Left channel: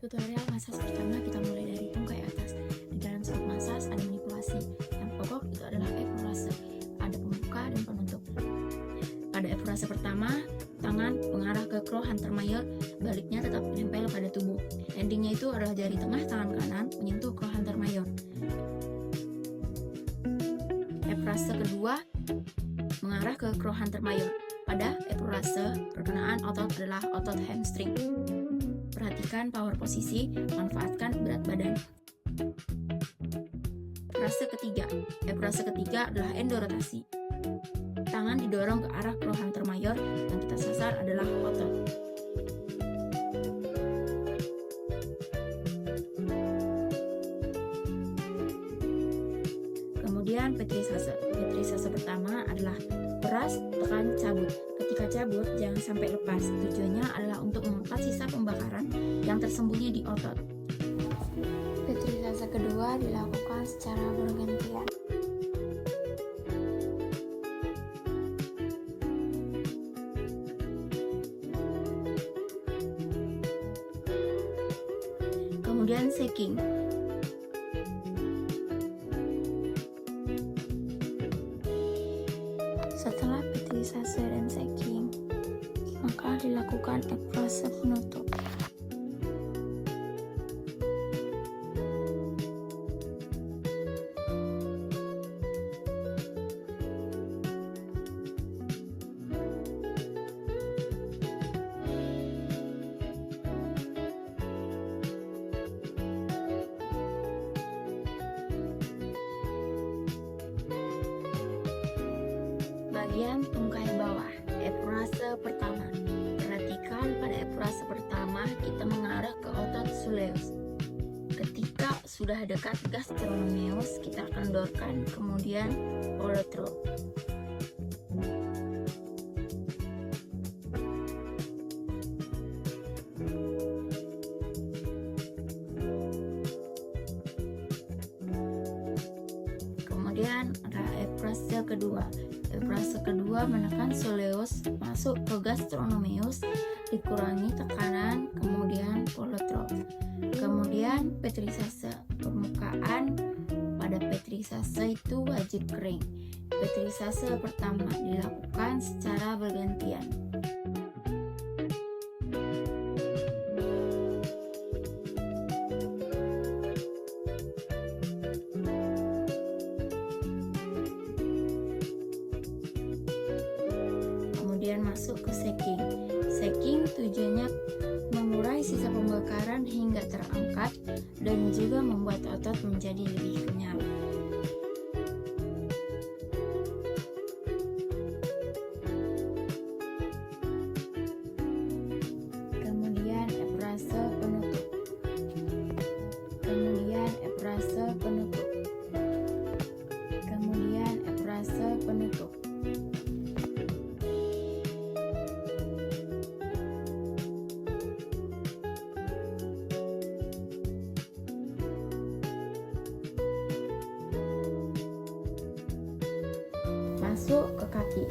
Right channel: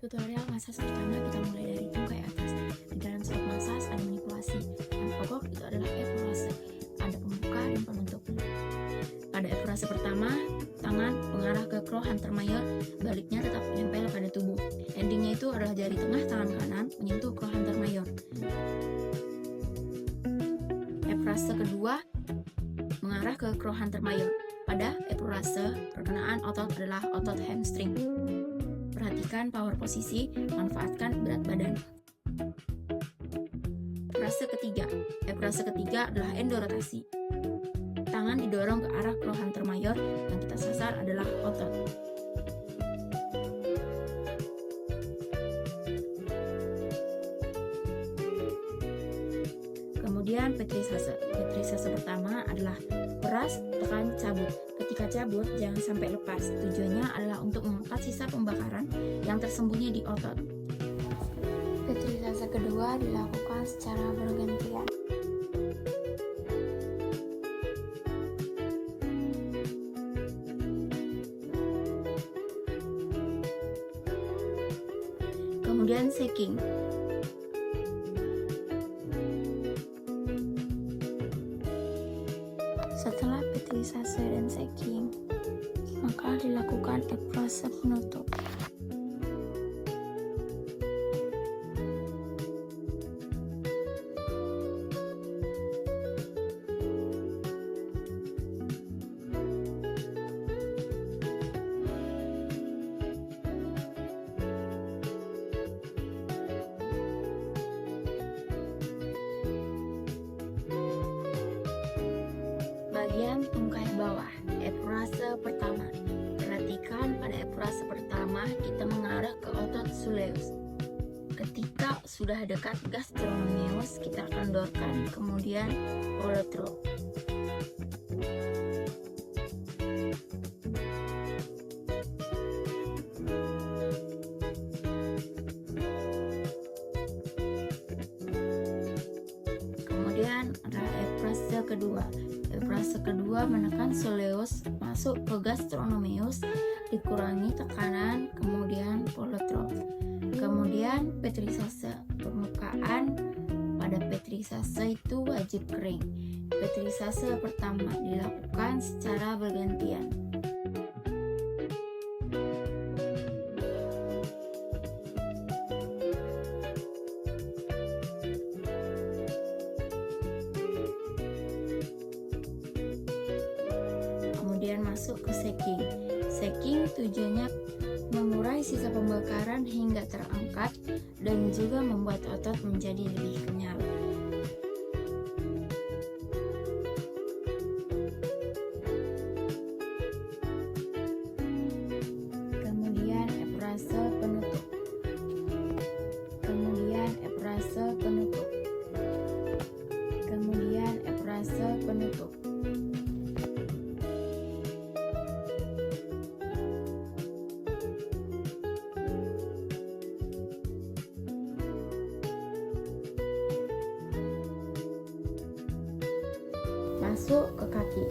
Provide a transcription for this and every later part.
Tutorial massage pertama kita mulai dari tungkai atas. Di dalam setiap massage ada manipulasi. Yang pokok itu adalah effleurase. Ada pembuka dan penutup. Pada effleurase pertama, tangan mengarah ke claw hunter mayor, baliknya tetap menempel pada tubuh. Endingnya itu adalah jari tengah tangan kanan menyentuh claw hunter mayor. Effleurase kedua mengarah ke claw hunter mayor. Pada effleurase, perkenaan otot adalah otot hamstring. Perhatikan power posisi, manfaatkan berat badan. Effleurase ketiga adalah endorotasi. Tangan didorong ke arah claw hunter mayor, yang kita sasar adalah otot. Kemudian petrisase. Petrisase pertama adalah peras, tekan, cabut. Ketika cabut, jangan sampai lepas. Tujuannya adalah untuk mengangkat sisa pembakaran yang tersembunyi di otot. Petrisase kedua dilakukan secara bergantian. Kemudian shaking. Setelah petrisase dan shaking, maka dilakukan effleurase penutup. Bagian tungkai bawah, effleurase pertama. Perhatikan pada effleurase pertama kita mengarah ke otot soleus. Ketika sudah dekat gastrocnemius, kita kendorkan, kemudian follow-through. Kemudian ada effleurase kedua. Effleurase kedua menekan soleus masuk ke gastrocnemius, dikurangi tekanan, kemudian follow-through. Kemudian petrisase. Permukaan pada petrisase itu wajib kering. Petrisase pertama dilakukan secara bergantian. Kemudian masuk ke shaking. Shaking tujuannya mengurai sisa pembakaran hingga terangkat dan juga membuat otot menjadi lebih kenyal. Kemudian effleurase penutup. Kemudian effleurase penutup. Kemudian effleurase penutup. Masuk ke kaki.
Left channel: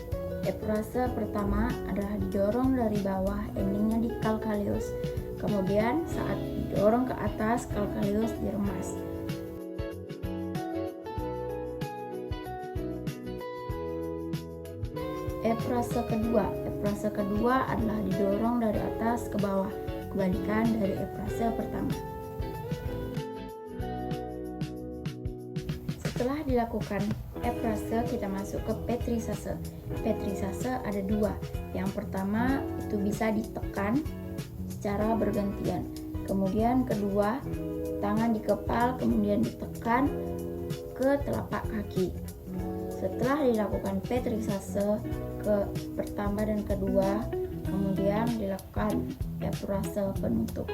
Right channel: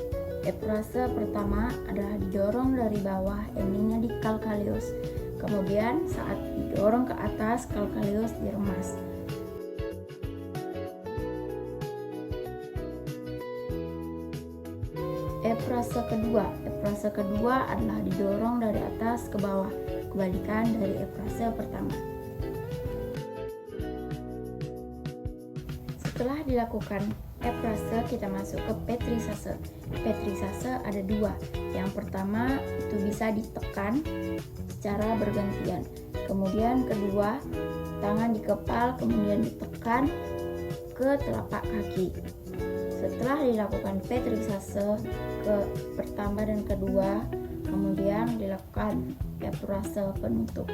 Effleurase pertama adalah didorong dari bawah, endingnya di calcaneus. Kemudian saat didorong ke atas, calcaneus diremas. Effleurase kedua adalah didorong dari atas ke bawah, kebalikan dari effleurase pertama. Setelah dilakukan effleurase, kita masuk ke petrisase. Petrisase ada dua. Yang pertama itu bisa ditekan secara bergantian. Kemudian kedua, tangan dikepal kemudian ditekan ke telapak kaki. Setelah dilakukan petrisase ke pertama dan kedua, kemudian dilakukan effleurase penutup.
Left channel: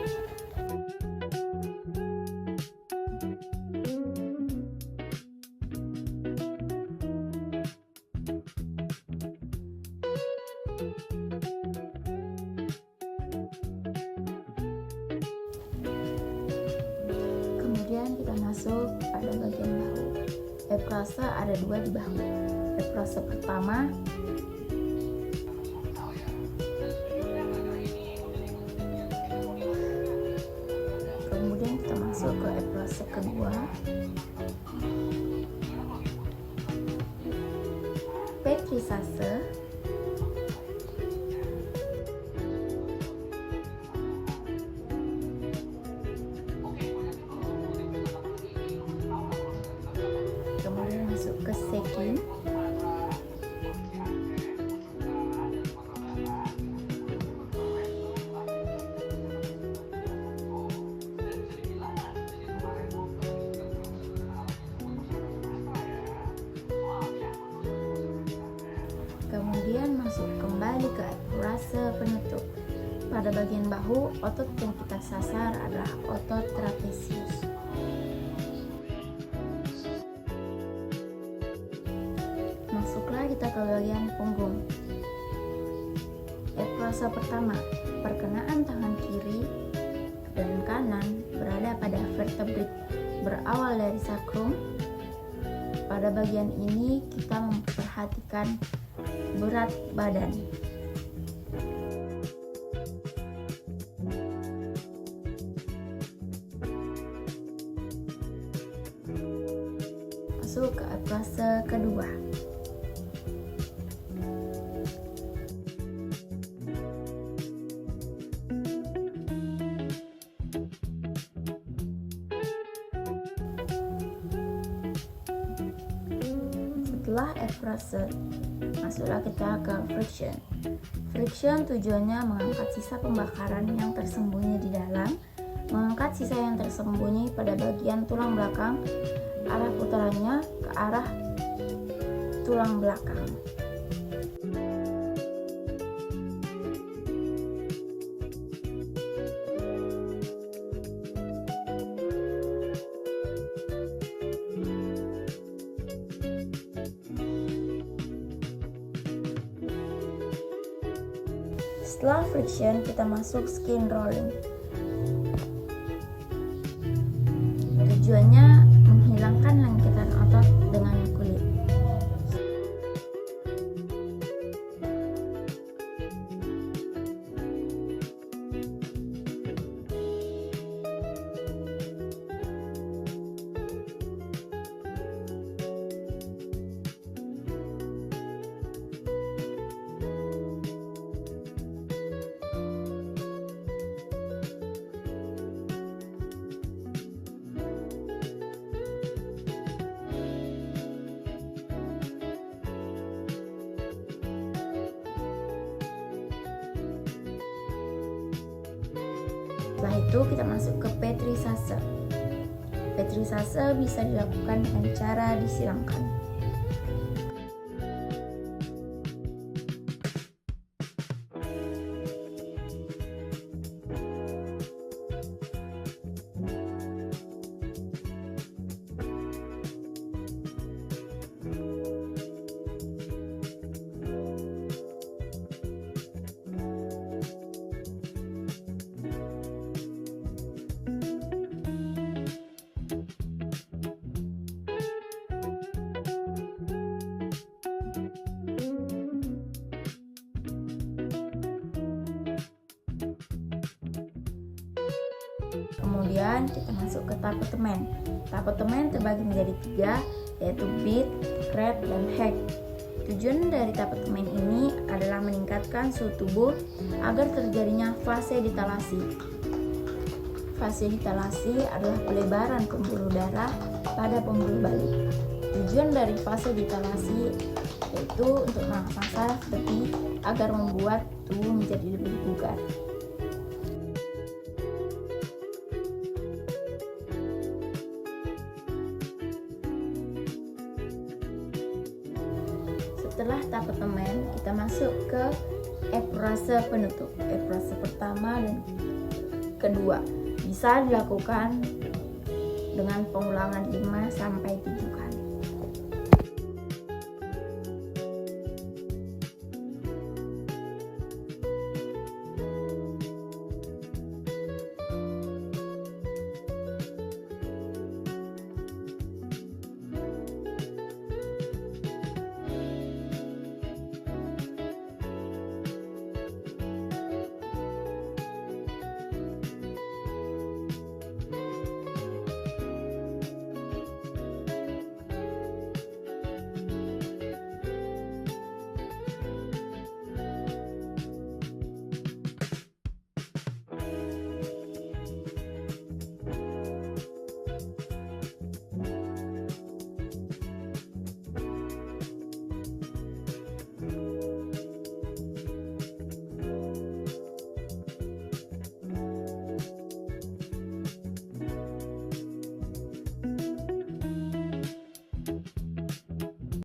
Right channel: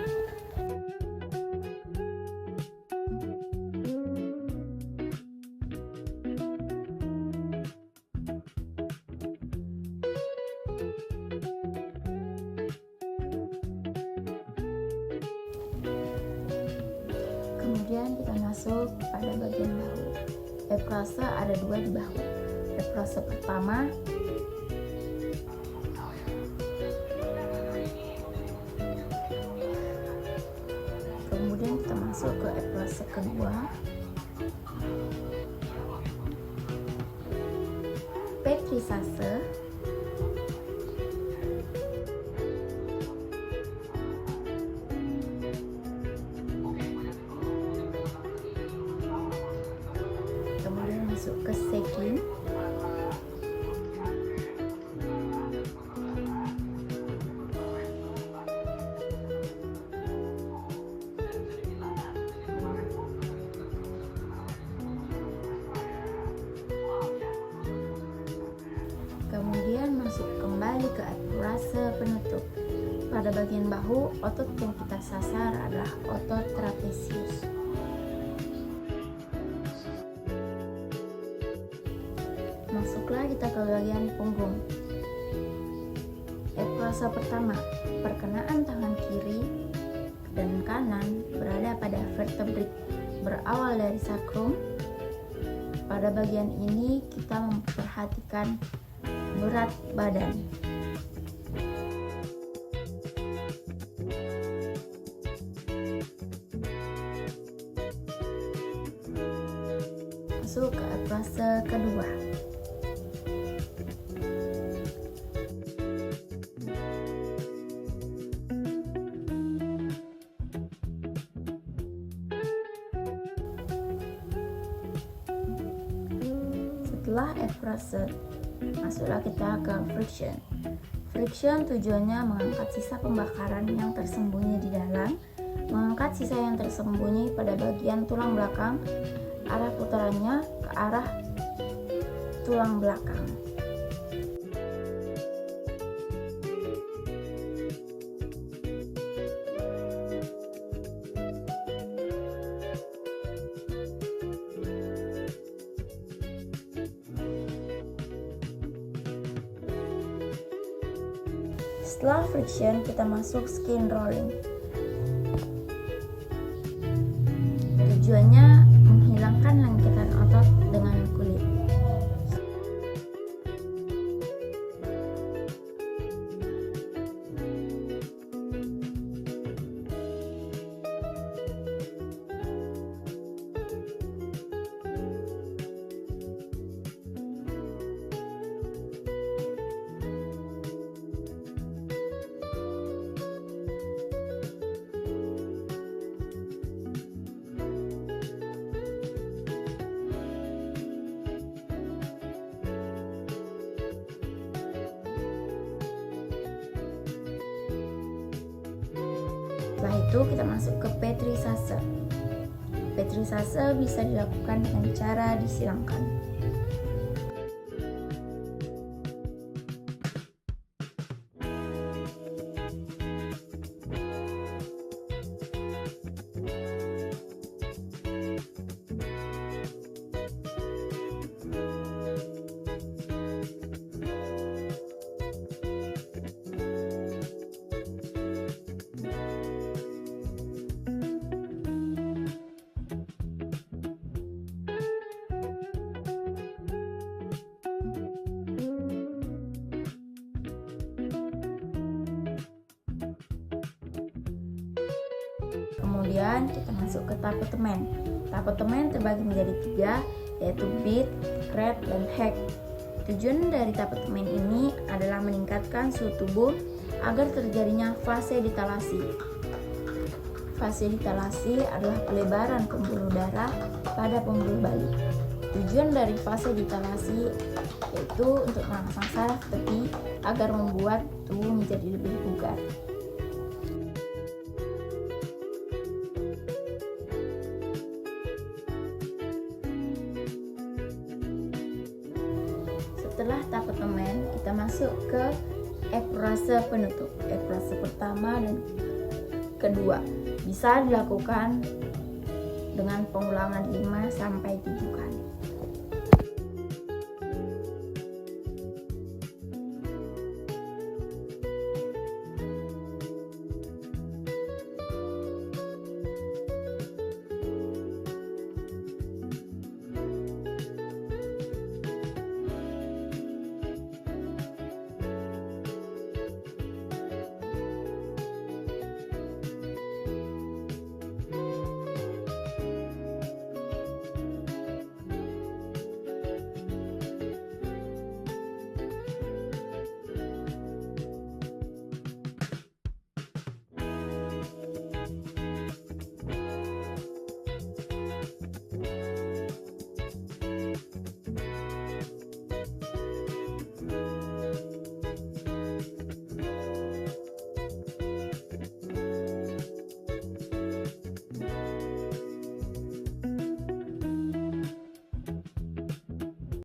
Kemudian kita masuk pada bagian bahu. Effleurase ada dua di bahu. Effleurase pertama kita masuk ke eprase kedua. Petrisase. Kemudian masuk ke seking. Kemudian masuk kembali ke eprase penutup. Pada bagian bahu, otot yang kita sasar adalah otot trapesius. Masuklah kita ke bagian punggung. Eprase pertama, perkenaan tangan kiri dan kanan berada pada vertebrik berawal dari sakrum. Pada bagian ini kita memperhatikan berat badan. Masuk ke eprase kedua. Setelah eprase, masuklah kita ke friction. Friction tujuannya mengangkat sisa pembakaran yang tersembunyi di dalam, mengangkat sisa yang tersembunyi pada bagian tulang belakang, arah putarannya ke arah tulang belakang. Setelah friction, kita masuk skin rolling. Tujuannya menghilangkan lengketan otot dengan kulit. Setelah itu kita masuk ke petrisase. Petrisase bisa dilakukan dengan cara disilangkan. Kemudian kita masuk ke tapetemen. Tapetemen terbagi menjadi 3, yaitu beat, crab, dan hack. Tujuan dari tapetemen ini adalah meningkatkan suhu tubuh agar terjadinya vasodilatasi. Vasodilatasi adalah pelebaran pembuluh darah pada pembuluh balik. Tujuan dari vasodilatasi yaitu untuk merangsang saraf tepi agar membuat tubuh menjadi lebih bugar. Setelah tapetemen, kita masuk ke eprase penutup. Eprase pertama dan kedua bisa dilakukan dengan pengulangan 5 sampai 7 kali.